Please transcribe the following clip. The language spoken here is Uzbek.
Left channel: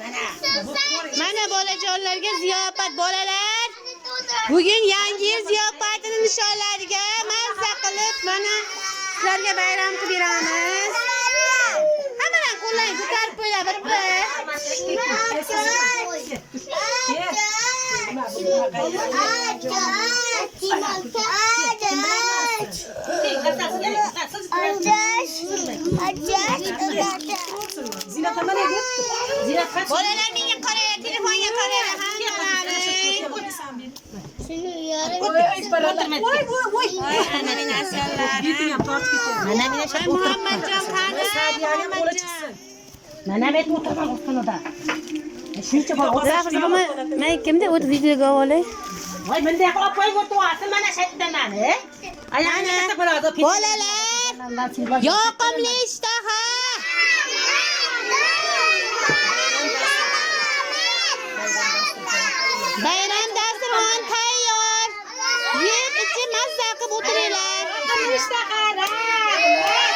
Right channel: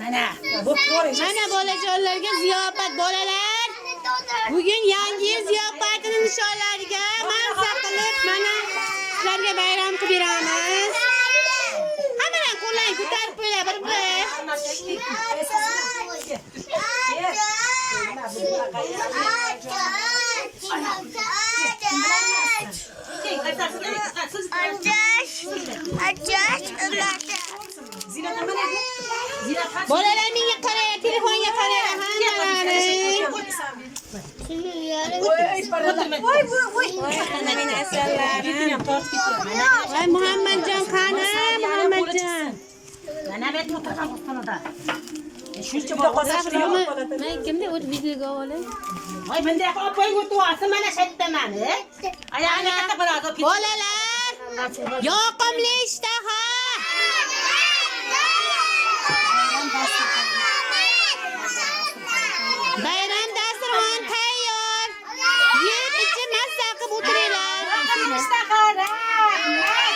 Mana bolajonlarga ziyofat bolalar. Bugun yangi yil ziyofatining nishonlariga mazza qilib mana sizlarga bayram qilib beramiz. Hammadan qo'llang ko'tarib qo'ylar bir-bir. Bolalar menga qaraylar, telefonga qaraylar hammalari. Muhammadjon qani? Muhammadjon. Mana bet o'tirgan xonada. Shuncha Men kimda o'tib videoga olay? voy bunday qilib qo'yib o'tirasiz mana shaytdan ayani katta bo'ladi. Bolalar, yoqimli ishtaha. Bayram dasturxon tayyor. Yeb ichib mazza qilib o'tiringlar. Ishtaha, rahmat.